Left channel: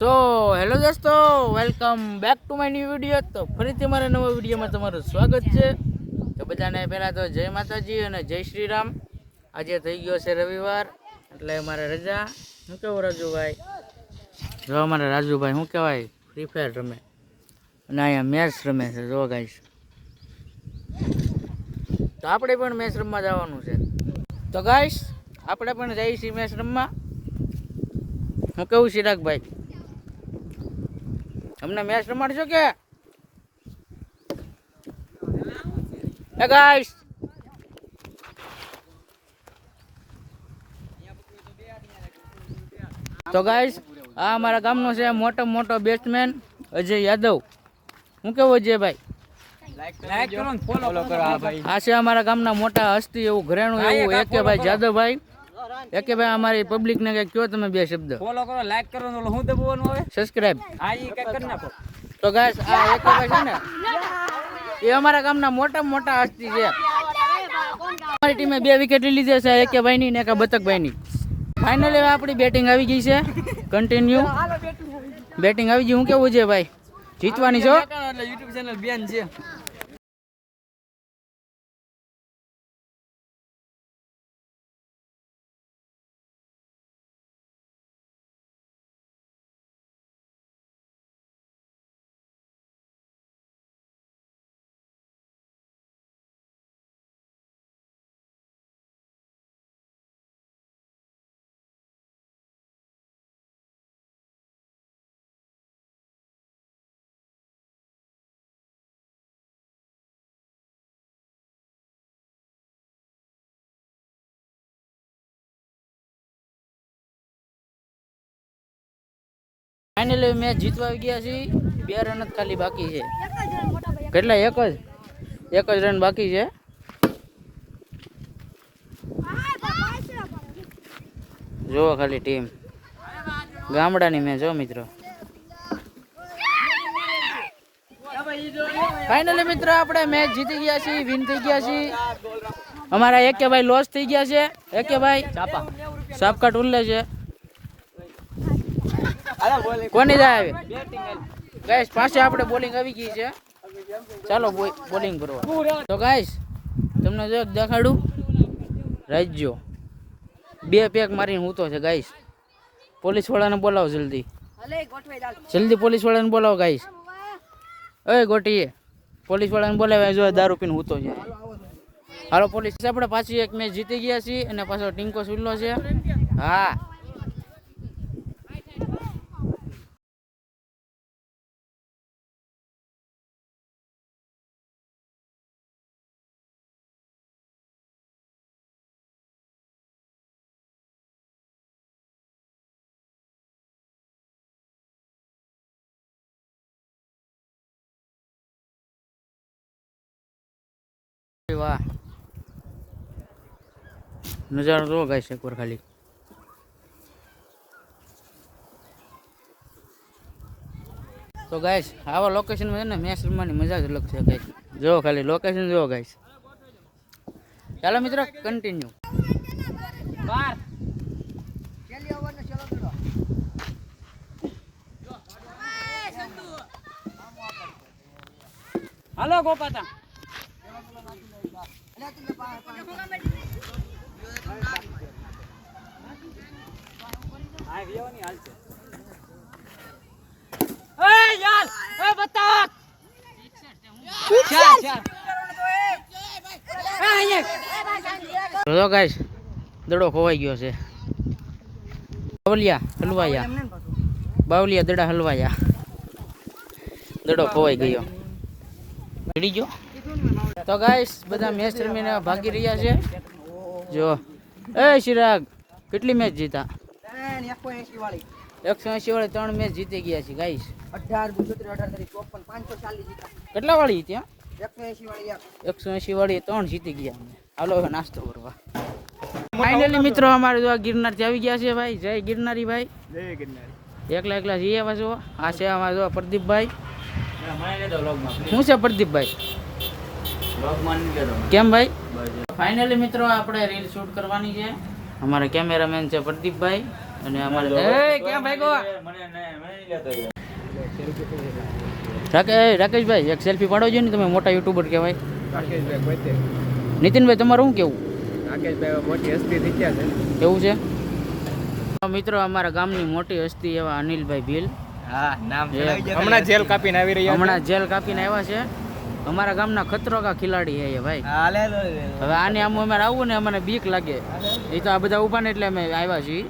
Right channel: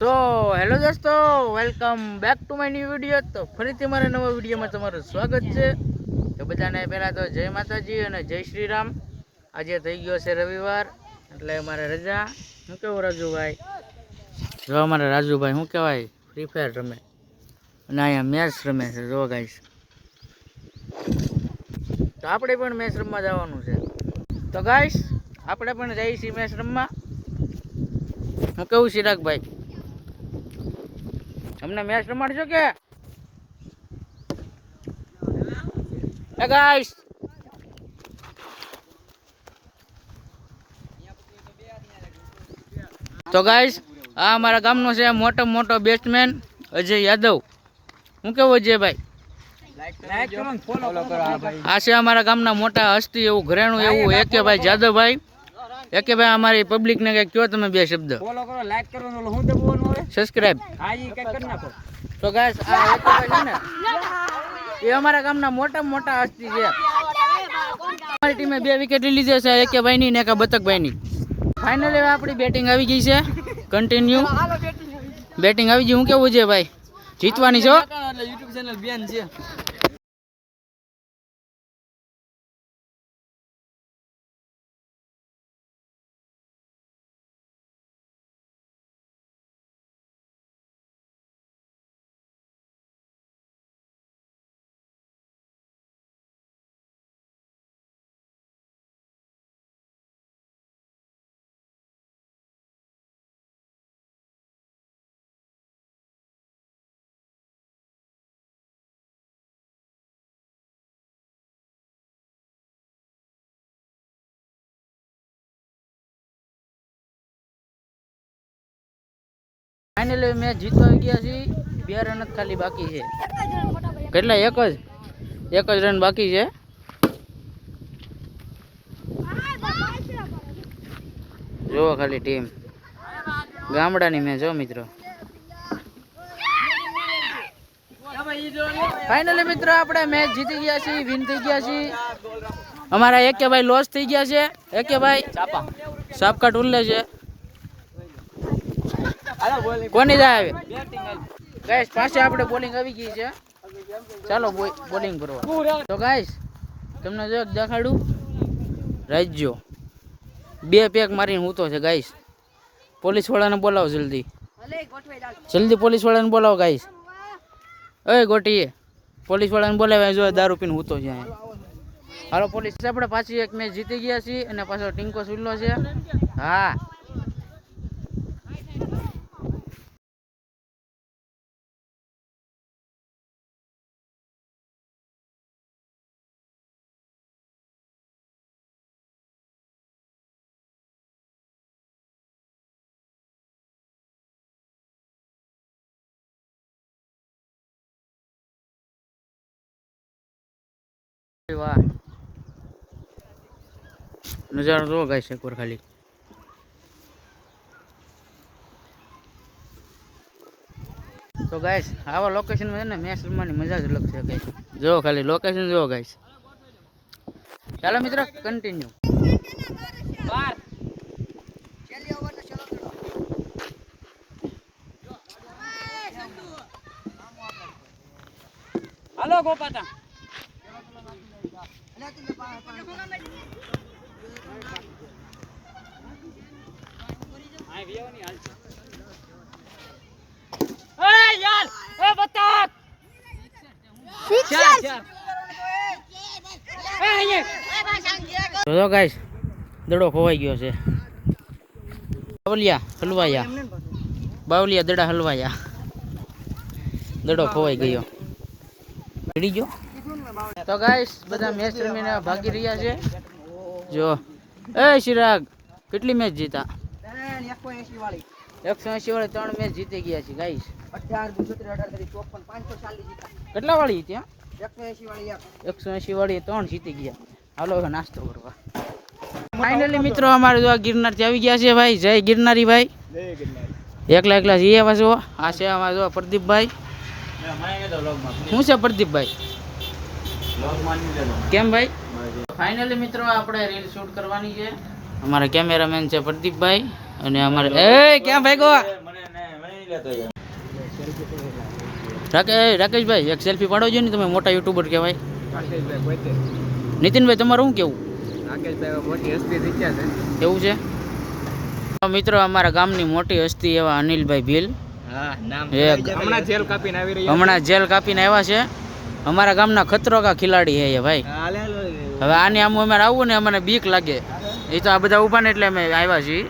તો હેલો દોસ્તો, welcome back to my new video. તો ફરીથી મારા નવા વિડીયોમાં તમારું સ્વાગત છે. તો બધાને પહેલાં તો જય માતાજી અને જય શ્રી રામ આજે થઈ ગયો છે રવિવાર, એટલે મારે રજા. શું કેવું રાજુભાઈ? જો અમારે રાજુભાઈ, શું કહેવાય? ફ્રી ફાયર રમે. અને અહીંયા મેચ રમે છે, જો ગાઈશ તો આપણે પણ મેચ રમવા જવાનું છે. તો ગાઈશ આપણે પણ જઈએ છીએ મેચ રમવા. હું કેવું ચિરાગભાઈ અમને મેચ રમાડશો કે? ગાઈસ તો ગાઈસ આ અમારા ગામનો છે મોટો મોટો બેટ્સમેન અજય યાદવ. હું કેવું આ ભાઈ? આ છે અમારા ગામના મોટા હસ્તી એવું ઘરેણું એવું એકેભાઈ જાદવભાઈ. એકેભાઈ અમારી પબ્લિકને કંઈક કયો તમે બે શબ્દ? બોલો કરો લાઈક કરો ને ઓલો હું દબાવવાનું હવે સબસ્ક્રાઇબ હા ઈ કઈ કરી નાખો. તો ગાઈસ આ એકેભાઈ છે ને એ અમારા ગામના મોટા મોટા હસ્તી છે. અમારી ટીમે બે વિકેટ લીધી છે એકેભાઈ ની ને એક બતકભાઈ ની ફાઇનલી આપણી બેટિંગ આવી ગઈ છે. કન્ટિન્યુ બેટિંગ આવી ગઈ. હું કેવું છે ભાઈ? જીતવાની છો? યુટ્યુબ ચેનલ બેન છે. ફાઇનલી મેચ જીતવા ગયા છીએ. બે રન જ ખાલી બાકી છે. કેટલા? એક જ? એક જ રન બાકી છે. જુઓ ખાલી ટીમ ગામડાની મેચ જો મિત્રો. ફાઇનલી મિત્રો આપણે મેચ જીતી ગયા છીએ વિન થઈ ગયા છીએ. અમારા એકે ભાઈ લોસ થઈ ગયા છે. એકે ભાઈ સાપકાટ ઉલ્લે છે. કોની જાય આવે? ગાઈસ પાછી આપણે બોલિંગ આવી ગઈ છે. ચાલો બોલિંગ કરવા. તો ગાઈસ તમને જો દેખાડું. રાજ્યો. બે પેક મારીને હૂતો છે ગાઈસ પોલીસ વાળાને બોલાવો જલ્દી. જલ્દી પોલીસ વાળાને બોલાવો ગાઈસ ઓય ગોટીએ પોલીસ વાળાને બોલાવે જો દારૂ પીને હૂતો છે. હાલો, પોલીસ. આપણે પાછી એક મેચ જીતી ગયા છીએ અને પાછો ટીંકો સુલ્લો છે. હા. વાહ. નજારો જોવો ગાઈસ એકવાર ખાલી. તો ગાઈસ, આવા લોકેશનમાં છે મેચ રમવાની મજા જ અલગ છે ગાઈસ. જોવો ખાલી લોકેશન જોવો ગાય ચાલો મિત્રો કન્ટિન્યુ હાલો ગોપાતા હા વિયોની હાલ છે એ યાર એ બતા ચાર ચાર તો ગાઈસ, દડો ખોવાઈ ગયો છે. બાવલિયા, હલવાયા. બાવલિયા દડા હલવાયા. દડો ખોવાઈ ગયો. ચડી ગયો? તો ગાઈસ બધા મેચ રમીને ભાગી રહ્યા છે. જો. એ શિરાગ કેટલી મેચ જીતા? એકસો એસી વાળી ત્રણ મેચ જીતી ગયા છે ગાઈસ કેટલા વાળી ત્યાં એકસો એસી વાળી ત્રણ જીતી ગયા. હાલો હવે નાસ્તો કરવા. ફાઇનલી મિત્રો અમારે જો ગિરનાર ગિરનારથી આવી ગયા છે ભાઈ. જય ગિરનારી ભાઈ. એકલા એકલા જઈએ પાછો. આ છે અમારે જો પ્રદીપભાઈ. શું છે પ્રદીપભાઈ? કેમ ભાઈ? ફાઇનલી મિત્રો આપણે રીલ શૂટ કરવાની છે. અમારા કેમેરામેન છે પ્રદીપભાઈ અને અમારે એ કેમ ભાઈ ગો? રાકેશભાઈ એક સેલ્ફી પાડો છો ને તમે મોટા યુટ્યુબર કહેવાય. રાકેશભાઈ નીતિનભાઈ તમારું શું કેવું? રાકેશભાઈ મોટી હસ્તી થઈ ગયા છે. એવું છે? તો મિત્રો અમારા ગામની મોટી હસ્તી એવા અનિલભાઈ ભીલ. હા નામ હમણાં જેલ કાપીને આવી રહ્યા હમણાં જેલ કાપીને આવ્યા છે. અમારા ગામના ખતરો કા ખિલાડી હે ભાઈ હવે આની આમ અમારે આવવું ને અમને બીક લાગે. એ તો આ બધા ઊભા ને એટલે અમે આવ્યા છીએ.